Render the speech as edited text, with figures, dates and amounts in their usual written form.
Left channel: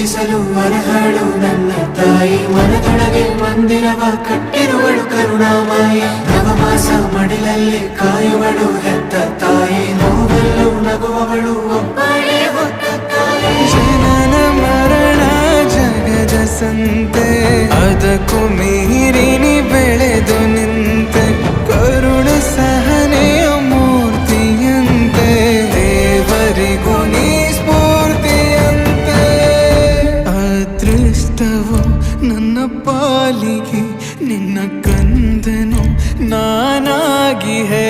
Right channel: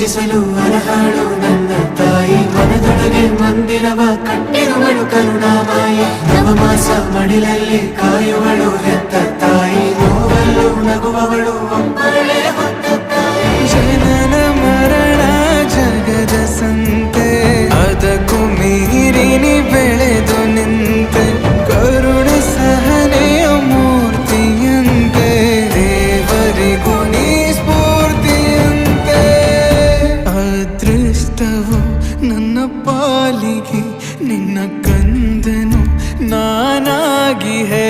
ಪೂಜಿಸಲು ಅರಹಾಳು ನನ್ನ ತಾಯಿ ಮನದೊಳಗೆ ಮಂದಿರವ ಕಟ್ಟಿರುವಳು ಕರುಣಾಮಾಯಿ ನವಮಾಸ ಮಡಿಲಲ್ಲಿ ಕಾಯುವಳು ಹೆತ್ತ ತಾಯಿ ನೋವಲ್ಲೂ ನಗುವವಳು ಒಬ್ಬಳೇ ಹೊತ್ತ ತಾಯಿ ಜನನ ಮರಣ ಜಗದ ಸಂತೆ ಅದಕ್ಕೂ ಮೀರಿನಿ ಬೆಳೆದು ನಿಂತೆ ಕರುಣೆ ಸಹನೆಯ ಮೂರ್ತಿಯಂತೆ ದೇವರಿಗೂ ನೀ ಸ್ಫೂರ್ತಿಯಂತೆ ಅದೃಷ್ಟವು ನನ್ನ ಪಾಲಿಗೆ ನಿನ್ನ ಕಂದನು ನಾನಾಗಿ ಹೇ